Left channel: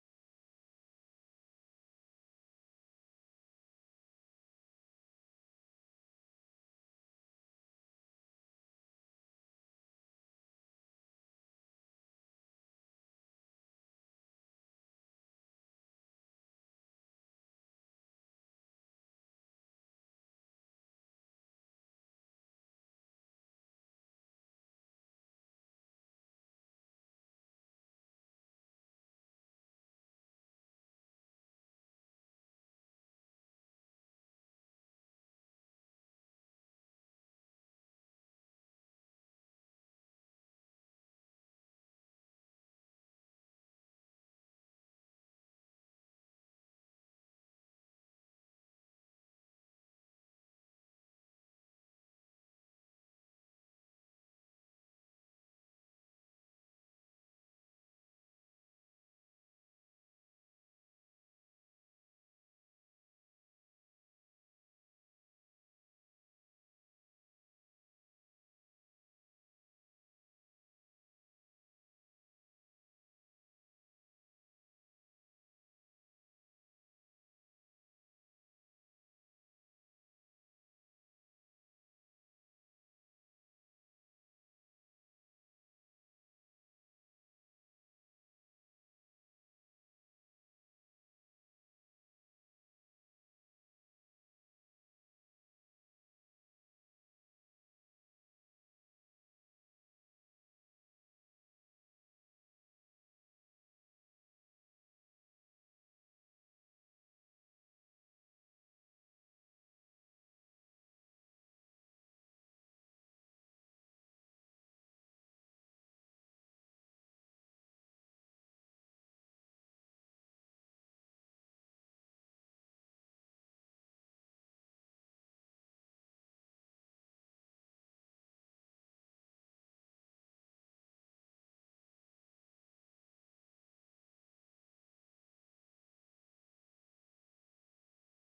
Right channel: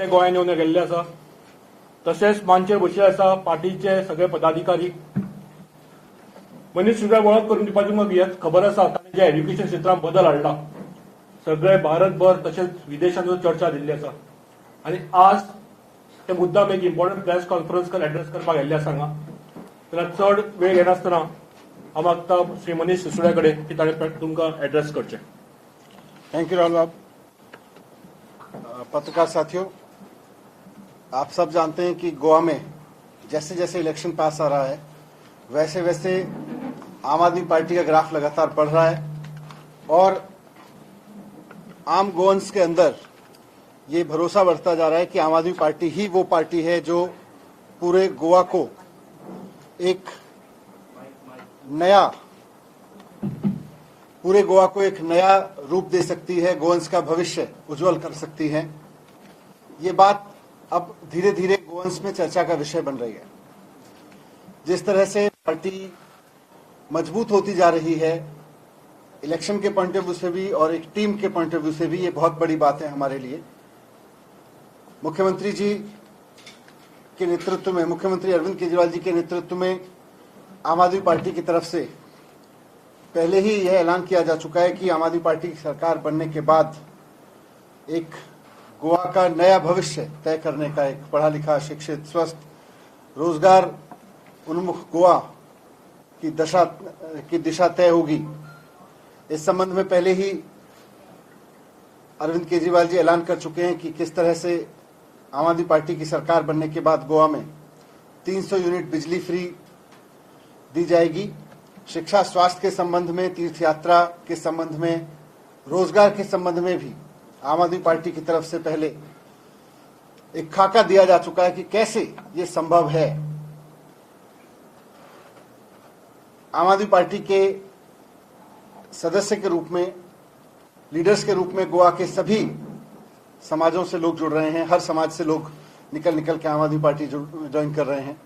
ते गोंयांत येवन गेल्ले आसा। तशेंच मांचेर बशिल्ले आसा पार्टीचे सगळे पदाधिकारी। मनीस सुद्दां वळख करून दिवपाची म्हाका खबर आसा ताणें जे एज्युकेशन क्षेत्रांत बदल हाडला सगळे भारतभर तशेंच विदेशांत चर्चा दिल्ली आसा आनी आज ते मुद्दाम एक इम्पॉर्टंट प्रेस कॉन्फरन्स एड्रेस करपाक गेल्ले आसा हांगा। जाल्यार चड वेळ घेनासतना हांव मागता श्री मनीस सिसोदिया कडेन की ताणें तुमकां एड्रेस करचें। थैंक यू राहुल बाब। पत्रकार साथियों, आप सब जानते हैं कि गोवा में जैसे जैसे इलेक्शन पास आ रहा है वैसे वैसे आम आदमी पार्टी का ग्राफ लगातार बढ़ रहा है और आम गोवंस के अंदर ये भरोसा बढ़ता जा रहा है कि आम आदमी पार्टी ही वो पार्टी है जो पूरे गोवा को एक नया रूप दे सकती है, गोवंस का भविष्य उज्जवल कर सकती है। ये बात अब धीरे धीरे गोवंस में चर्चा का विषय बन रही है। जिस तरह से पार्टी मजबूत होती जा रही है, इलेक्शन के पॉइंट ऑफ व्यू से भी और एक टीम के पॉइंट ऑफ व्यू से भी ये बहुत बड़ी बात है हमारे लिए। मुख्यमंत्री जी के नेतृत्व में, मुख्यमंत्री अरविंद केजरीवाल जी के नेतृत्व में आम आदमी पार्टी की तरफ से पहले ही यह ऐलान किया जा चुका है कि आम आदमी पार्टी की सरकार बनने के बाद एक गोवा का नया भविष्य तय करने का, एक पढ़ा लिखा, शिक्षित, स्वस्थ, रोजगार उन्मुख गोवा की दिशा तय होगी। इस संबंध में पहले ही अरविंद केजरीवाल जी ऐलान कर चुके हैं कि किस तरह से आम आदमी पार्टी की सरकार बनने के बाद गोवा में 300 यूनिट बिजली फ्री दी जाएगी। शिक्षा, स्वास्थ्य के संबंध में, तीर्थ यात्रा के संबंध में, रोजगार के संबंध में भी आम आदमी पार्टी की तरफ से पहले एक खाका दिया जा चुका है कि कैसे ये संभव है। आम आदमी पार्टी के सदस्य के रूप में, लीडर्स के रूप में गोवा के सभी समाजों से लोग जुड़ रहे हैं। हर समाज से लोग निकल के आम आदमी पार्टी ज्वाइन कर रहे हैं।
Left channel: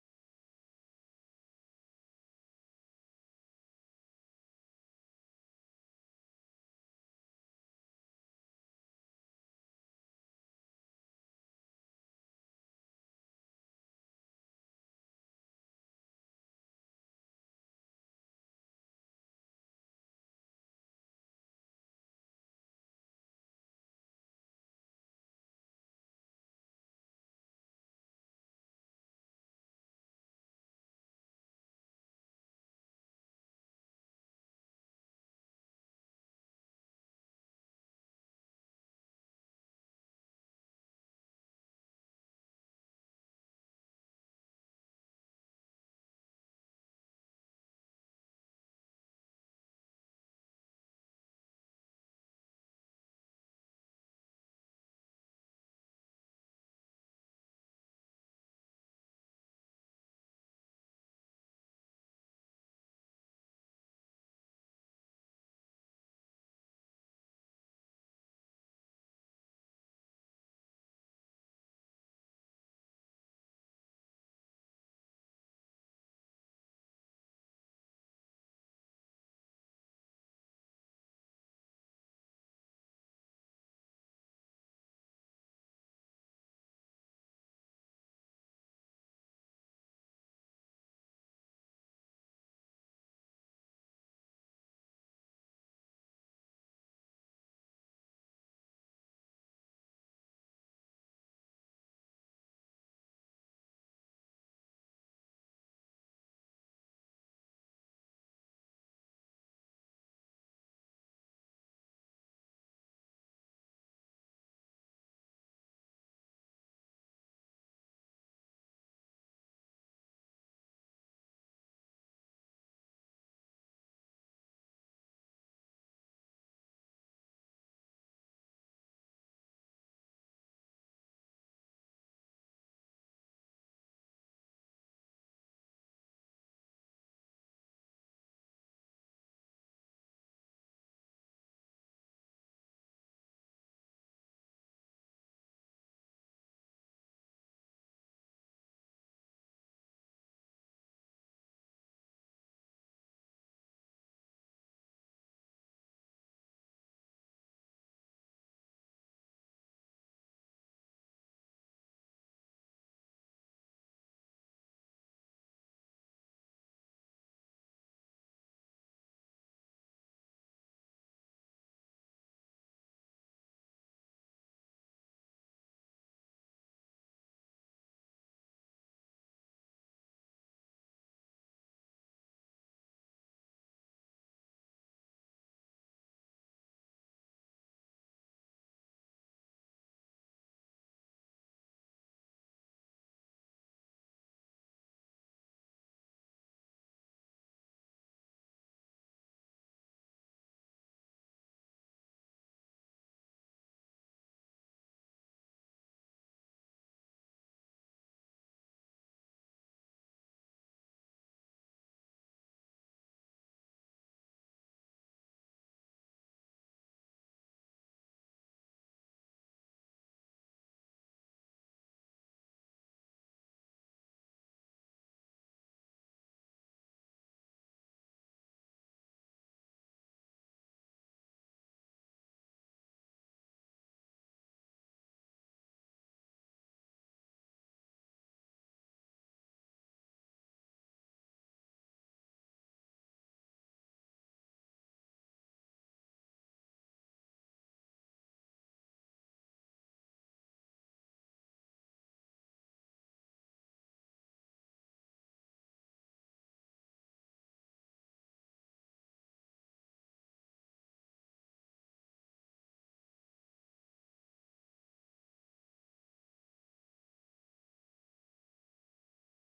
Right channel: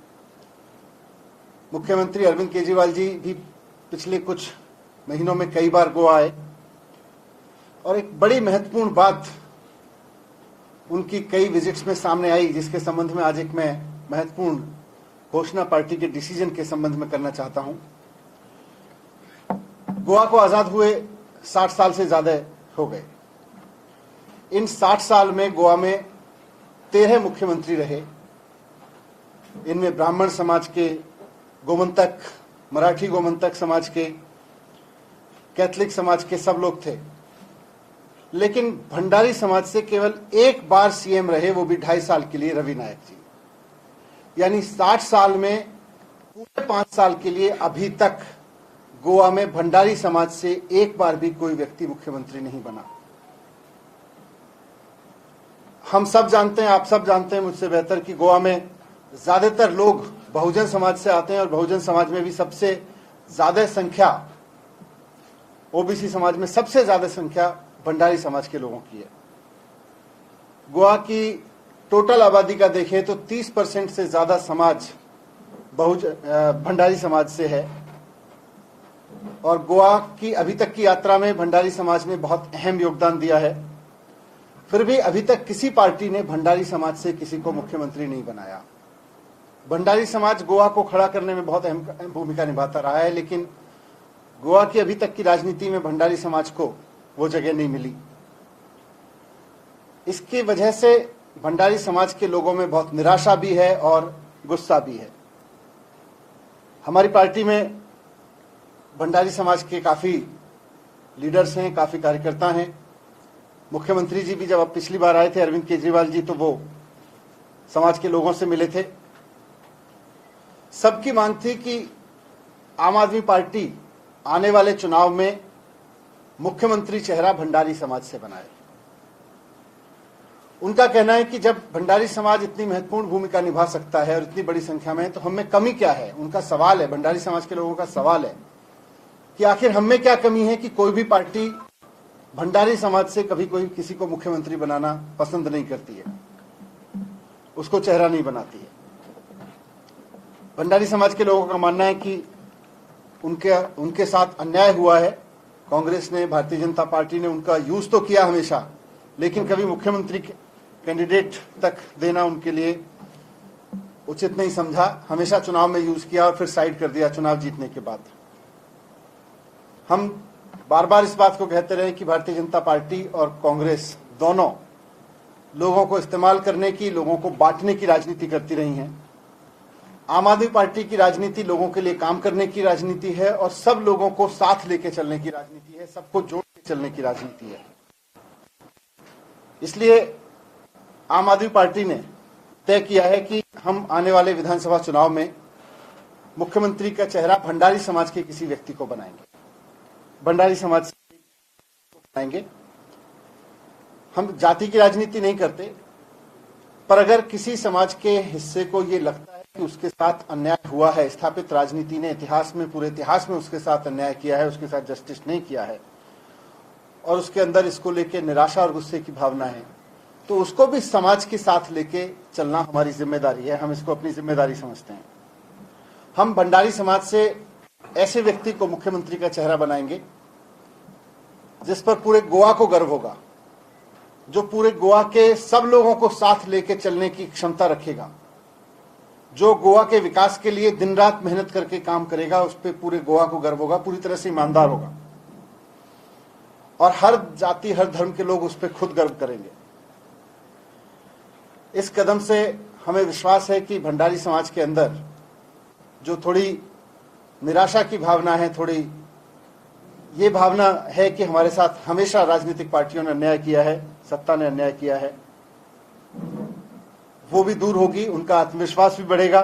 मुख्यमंत्री अरविंद केजरीवाल जी भी पिछले कुछ महीनों में कई बार गोवा आए और एक बड़ी महत्वपूर्ण बात उनकी कई विजिट्स में सामने आई, जिसके संबंध में आज एक मैं महत्वपूर्ण घोषणा पार्टी के डिसीजन के संबंध में करना चाहता हूं। गोवा को आजाद हुए 60 साल से ज्यादा हो गए। इन 60 साल में गोवा में 13 मुख्यमंत्री रहे। इनमें ब्राह्मण समाज के, गोमंतक, मराठी गोमंतक समाज के, कैथलिक समाज के सब लोग थे। लेकिन भंडारी समाज से केवल एक बार सीएम रहे, वो भी 2.5 साल के लिए, रवि नायक जी। यानी 60 साल में पूरे 5 साल के लिए अभी तक गोवा में भंडारी समाज से एक बार भी कोई व्यक्ति मुख्यमंत्री नहीं बना। हम सब जानते हैं, आप सब जानते हैं मुझसे बेहतर कि गोवा में ज्यादातर लोग बहुजन समाज से आते हैं और बहुजन समाज में भी सबसे ज्यादा संख्या, ओबीसी समाज में सबसे ज्यादा संख्या भंडारी समाज के लोगों की है। गोवा की टोटल आबादी का देखें तो 30% से ज्यादा समाज भंडारी समाज से है और गोवा की अभी तक की यात्रा में भंडारी समाज ने बहुत अहम योगदान दिया है। फिर भी अभी तक किसी पार्टी ने भंडारी समाज से किसी को मुख्यमंत्री नहीं बनाया। भंडारी समाज गोवा को खड़ा करने में बहुत अहम भूमिका निभाता रहा है, लेकिन गोवा की अभी तक की राजनीति में भंडारी समाज को वो जगह नहीं मिली। इसकी वजह से भंडारी समाज के लोगों में बहुत निराशा भी है और गुस्सा भी है। हमारी पार्टी में भंडारी समाज के काफी लीडर्स हैं, काफी कार्यकर्ता हैं। मुख्यमंत्री जी भी जब अब पिछली बार आए थे, अरविंद केजरीवाल जी, तो वो समाज के लोगों से मिले थे। सबकी मांग थी कि आम आदमी पार्टी आने वाले चुनाव में मुख्यमंत्री चेहरा भंडारी समाज से बनाए। उनका कहना है कि जब भंडारी समाज इतनी महत्वपूर्ण भूमिका निभा सकता है और इतनी बड़ी संख्या में, तो हमें कमी क्या है। उनका सवाल है, भंडारी समाज के लोगों का सवाल है कि आखिर हमें क्या कमी है कि कोई भी पार्टी भंडारी समाज से कभी कोई किसी को मुख्यमंत्री बनाना पसंद नहीं करती है, उसको चेहरा नहीं बनाती है। भंडारी समाज के लोगों का मानना है कि उनके साथ अन्याय हुआ है। कांग्रेस ने, भारतीय जनता पार्टी ने उनका यूज तो किया हमेशा, लेकिन कभी मुख्यमंत्री कैंडिडेट तक देना उनके लिए उचित नहीं समझा। हमेशा चुनाव में यूज किया और फिर साइड कर दिया चुनाव जीतने के बाद। हम बार बार इस बात को कहते रहे कि भारतीय जनता पार्टी और कांग्रेस दोनों लोगों को इस्तेमाल करने की, लोगों को बांटने की राजनीति करती रही हैं। आम आदमी पार्टी की राजनीति लोगों के लिए काम करने की राजनीति है और सब लोगों को साथ लेके चलने की राजनीति है, सबको जोड़ के चलने की राजनीति है। इसलिए आम आदमी पार्टी ने तय किया है कि हम आने वाले विधानसभा चुनाव में मुख्यमंत्री का चेहरा भंडारी समाज के किसी व्यक्ति को बनाएंगे, भंडारी समाज को बनाएंगे। हम जाति की राजनीति नहीं करते, पर अगर किसी समाज के हिस्से को ये लगता है कि उसके साथ अन्याय हुआ है, स्थापित राजनीति ने इतिहास में, पूरे इतिहास में उसके साथ अन्याय किया है, उसके साथ जस्टिस नहीं किया है और उसके अंदर इसको लेके निराशा और गुस्से की भावना है, तो उसको भी समाज के साथ लेके चलना हमारी जिम्मेदारी है। हम इसको अपनी जिम्मेदारी समझते हैं। हम भंडारी समाज से ऐसे व्यक्ति को मुख्यमंत्री का चेहरा बनाएंगे जिस पर पूरे गोवा को गर्व होगा, जो पूरे गोवा के सब लोगों को साथ लेके चलने की क्षमता रखेगा, जो गोवा के विकास के लिए दिन रात मेहनत करके काम करेगा, उस पर पूरे गोवा को गर्व होगा, पूरी तरह से ईमानदार होगा और हर जाति हर धर्म के लोग उस पर खुद गर्व करेंगे। इस कदम से हमें विश्वास है कि भंडारी समाज के अंदर जो थोड़ी निराशा की भावना है, थोड़ी ये भावना है कि हमारे साथ हमेशा राजनीतिक पार्टियों ने अन्याय किया है, सत्ता ने अन्याय किया है, वो भी दूर होगी, उनका आत्मविश्वास भी बढ़ेगा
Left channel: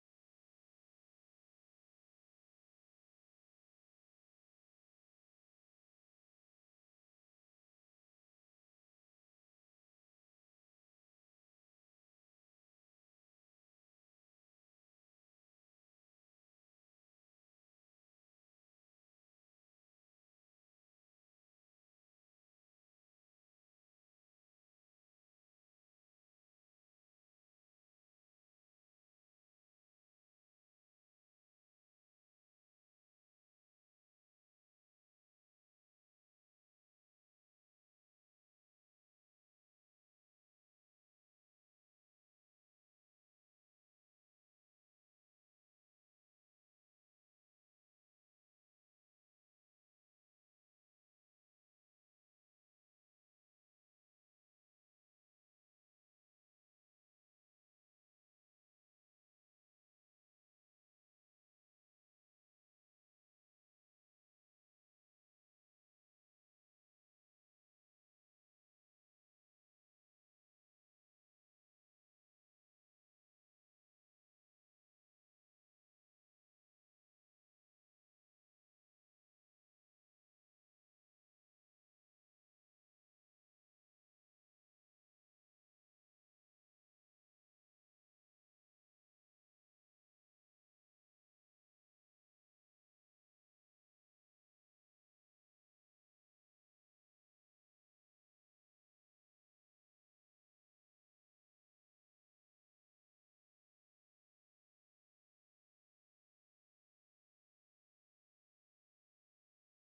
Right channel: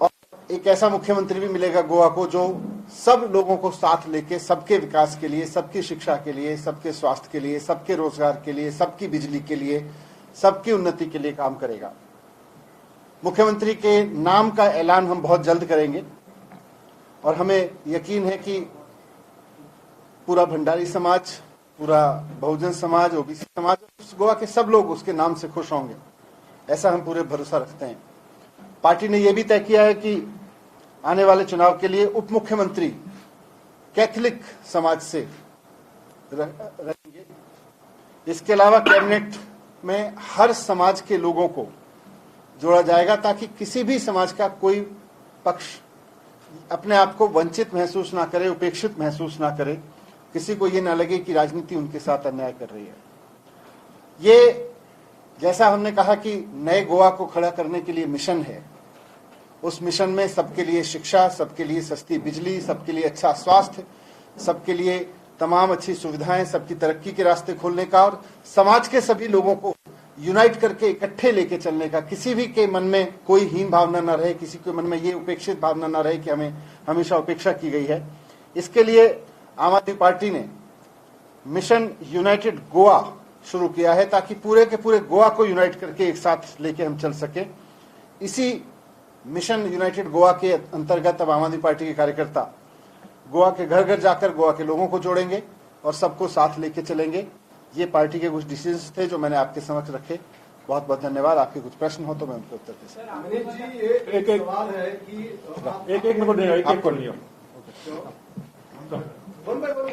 और एक ऐसा मुख्यमंत्री भी मिलेगा गोवा को जो सब लोगों को साथ लेके सबके विकास के लिए, सबकी शिक्षा के लिए, सबके स्वास्थ्य के लिए, सबके रोजगार के लिए, सबकी बिजली के लिए, सबकी उन्नति के लिए काम करेगा। मुख्यमंत्री के नाम का ऐलान हम बहुत जल्द करेंगे और हमें यकीन है कि पूरा भंडारी समाज, पूरा बहुजन समाज, ओबीसी समाज, गोवा के सब लोग उसके नाम से खुश होंगे, ऐसा हम पूरे भरोसा रखते हैं। पार्टी ने यह भी तय किया है कि आने वाले चुनाव के लिए उप मुख्यमंत्री कैथलिक समाज से रहेंगे। इसके अलावा कैबिनेट में हर समाज के लोगों को जोड़ा जाएगा ताकि किसी भी समाज का कोई पक्ष अपने आप को वंचित महसूस ना करे, उपेक्षित महसूस ना करे, किसी को ये ना लगे कि राजनीति उनके साथ अन्याय कर रही है। ये जैसा हमने कहा कि नए गोवा को खड़ा करने के लिए मिशन है, उस मिशन में सबके लिए शिक्षा, सबके लिए सस्ती बिजली, सबके लिए अच्छा स्वास्थ्य, सबके लिए तमाम अच्छी सुविधाएं, सबकी तरक्की के रास्ते खोलने का और समाज के सभी लोगों को यूनाइट करके इकट्ठे लेके चलने का, किसी भी के मन में कोई हीन भावना न रहे, किसी के मन में ये उपेक्षित भावना न रहे कि हमें हमेशा उपेक्षा की गई है। इसके लिए आम आदमी पार्टी ने मिशन यूनाइटेड गोवा शुरू किया है ताकि पूरे के पूरे गोवा को यूनाइट करके एक साथ लेके हम चल सके। इसी मिशन यूनाइटेड गोवा के अंतर्गत अब आम आदमी पार्टी के कार्यकर्ता गोवा के घर घर जाकर गोवा के लोगों को जोड़ेंगे और सबको साथ लेके चलेंगे। ये पार्टी के कुछ डिसीजंस थे जो मैंने आपके समक्ष रखे। बहुत बहुत धन्यवाद। आपके कुछ प्रश्न हो तो मैं उनके उत्तर दे सकता हूं। अमित जी, एक सवाल है कि एक नंबर देगा, एक कर लिया वन बाय वन।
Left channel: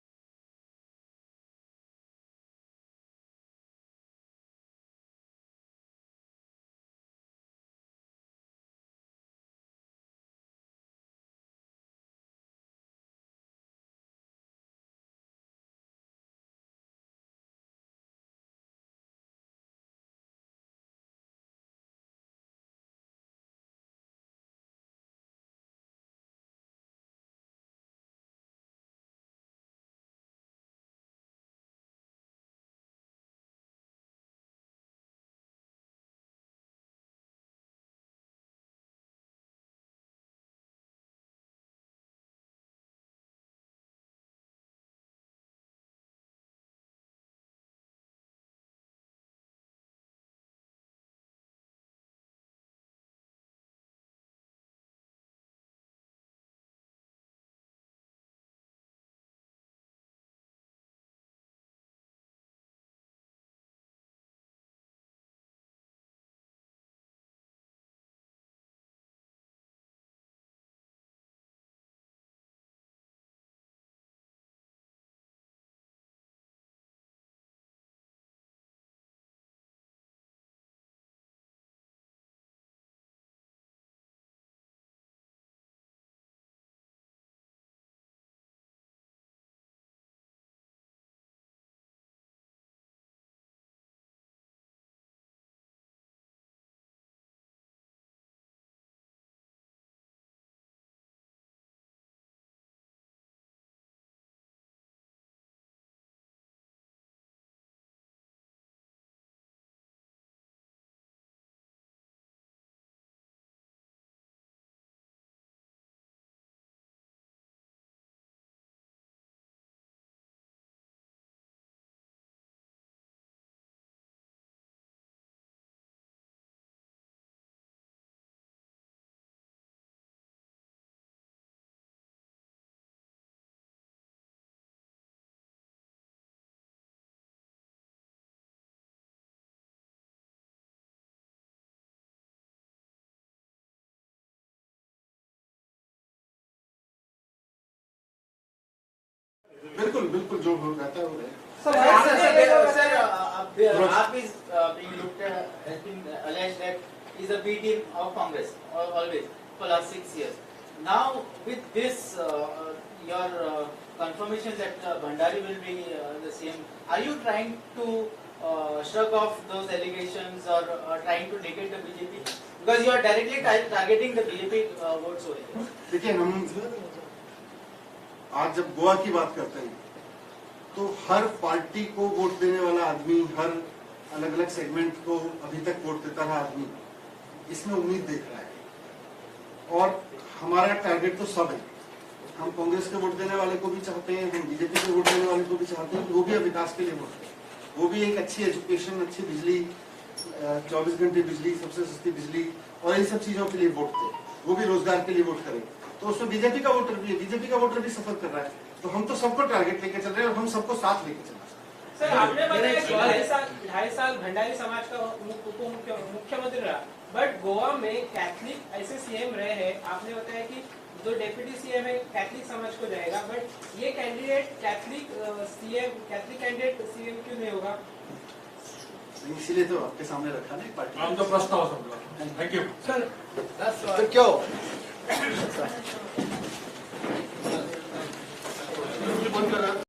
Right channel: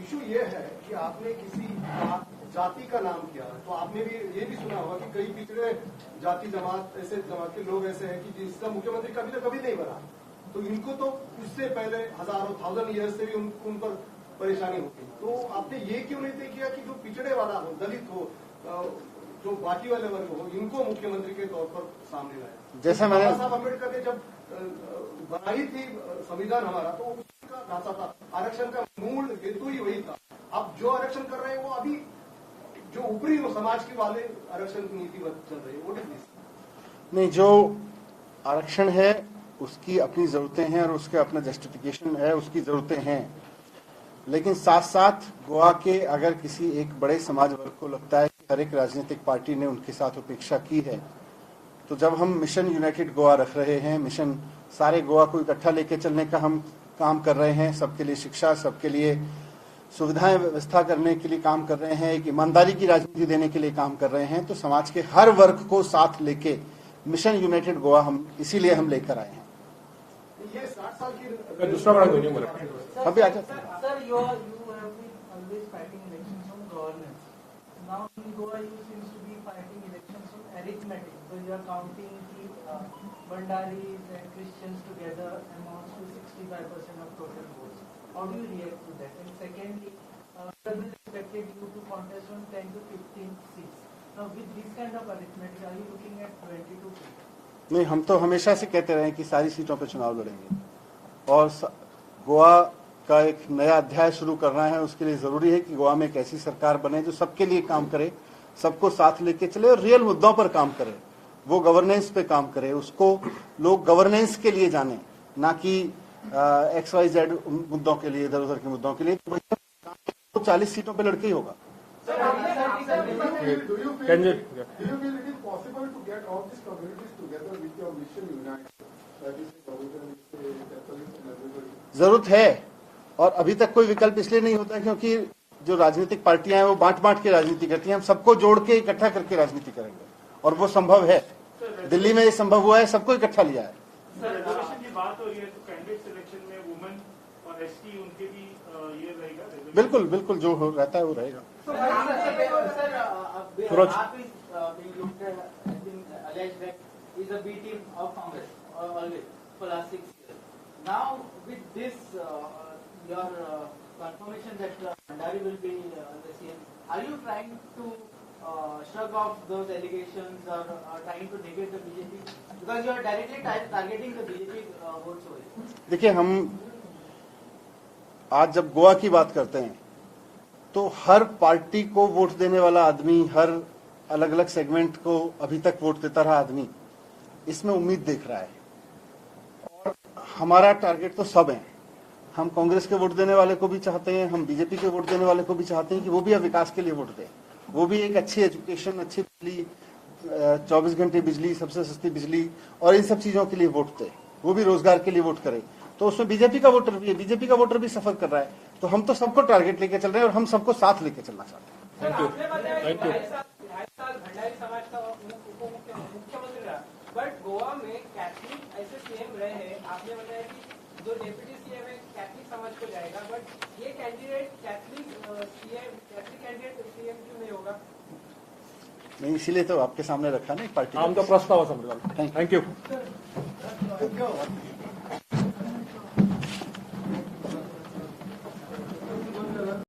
इशू ये है कि आपने किसी जाति का नाम किया, तो आपने भी ये भी सुना होगा कि कई पिछड़े जाति जमात, ऐसे जमात के लोग ऐसे हैं कि जिसका मुख्यमंत्री कभी ना कभी नहीं बना, तो इनको तो उससे पहले हजारों थाउजेंड ईयर्स से भी उन पर परेशानी होती। तो आपने ये क्यों नहीं तय किया कि जो पिछड़े वाला हो, दलित हो, जो बाकी वाले वर्ग हो, इनको मुख्यमंत्री के तौर पर सामने लाए? जैसा मैंने साहब अम्बेडकर ने जब बनाई थी संविधान हमारा, तो उसका ढांचा था, आरक्षण का मूल हेतु ही वही था। अब जो आरक्षण कर रहे हैं वो अभी जो ऊपरी समाज के वाले आरक्षण की नीति चल रही है, वो नहीं, जो आरक्षण है उसकी अपनी जरूरतें हैं और उसका अपना जस्टिफिकेशन है, उसकी जरूरतें हैं। लेकिन साथ साथ गोवा के अगर किसी एक बड़े समाज वर्ग को लगता है कि हर एक राजनीतिक पार्टी ने उनके साथ उपेक्षा की है, तो जब हम मिशन यूनाइटेड गोवा रख रहे हैं, मिशन सारे गोवा को इकट्ठा लेके चलने का हम काम कर रहे हैं, सबके लिए शिक्षा, सबके लिए सुविधाएं व्यवस्था करने के लिए काम कर रहे हैं, एक ईमानदारी की राजनीति देने के लिए काम कर रहे हैं, तो समाज के हर वर्ग को साथ लेके मिशन यूनाइटेड गोवा हम इसीलिए हम लेकर आए हैं। ये 60 साल की दूसरा बड़ा क्वेश्चन बोला अभी आ जाते हैं। Sir, you have been always fighting you are counting the Bhandaris and Christians together amounts to 65% of total votes. How do you react to that? And secondly, government expected you to contest from 10 to 15 seats. Now, with this kind of arithmetic, are you looking at 22 seats? नहीं, हम तो हमेशा से कहते रहे कि सारी सीटों पे चुनाव लड़ेंगे और गोवा का एक नया अध्याय शुरू करना है। उसके लिए जरूरी है कि गोवा में एक ऐसी सरकार बने जो सबके लिए काम करे, सबको साथ लेके चले और रियल मुद्दों पर काम करे, वो गवर्नेंस पे काम करे, उसको लोग गवर्नेंस के लिए जाने, ना कि XYZ मुद्दों के लिए, इधर उधर के मुद्दों के लिए। तो 40 सीटों पे लड़के ही होगा। Do you feel Can you- it is possible to get all these communities together with your mission unite? That is Catholics and everybody. जरूरत है और अभी तक कोई विकल्प इसलिए नहीं होता क्योंकि जो राजनीतिक पार्टियां हैं वो बांट बांट के राजनीति करती हैं। हम सबको जोड़ के इकट्ठा करके राजनीति करेंगे और वो संभव है। दिल्ली में ये संभव हुआ है, सबको इकट्ठा लिया है। सर, रिजर्वेशन की बात हो रही है तो कैंडिडेट सिलेक्शन में वुमेन और एसटी उनके भी ये रहेगा reservation? बिल्कुल बिल्कुल, जो रहता है वो रहेगा। AAP is being looked at, has been alleged that is a B team of Congress always for last 6 years. Now with this, your confirmation that Bhandari will be the CM, are you trying to shrug off those allegations or trying to negate the BJP? Because you are directly targeting the BJP votes over here. देखिए, हम आज जब गोवा की बात करते हैं तो हर party को वोट देने वाला आदमी, हर अलग अलग सेगमेंट को अभी तक वोट देता रहा आदमी इसमें उम्मीद देख रहा है और हमारा टारगेट तो सब है। हम कांग्रेस के वोट देने वाले को भी चाहते हैं, हम बीजेपी के वोट देने वाले को भी चाहते हैं कि वो भी अब विकास के लिए वोट दें, वो भी एक अच्छी एजुकेशन, अच्छी बिजली, 24 घंटे बिजली, सबसे सस्ती बिजली और इन सब चीजों के लिए वोट दें, वो भी रोजगार के लिए वोट करें। तो उसमें बीजेपी का वोटर भी है, बीजेपी का वोटर भी सफर कर रहा है। तो हम तो सबको टारगेट लेके चल रहे हैं और हम सबको साथ लेके चलना चाहते हैं। सर, आपने बताया 2.5 साल भंडारी समाज का मुख्यमंत्री रहा, बट गोवा में कैथलिक ऐसे सीएम रहे हैं। आपने बताया कि जो डेप्यूटी सीएम है कैथलिक समाज को जाएगा, बट ये कैंडिडेट कैथलिक कैंडिडेट सीएम क्यों नहीं होगा? नहीं, इसीलिए तो आपके सामने रखा नहीं पार्टी। आमचा प्रस्ताव संपला। थँक्यू। Thank you.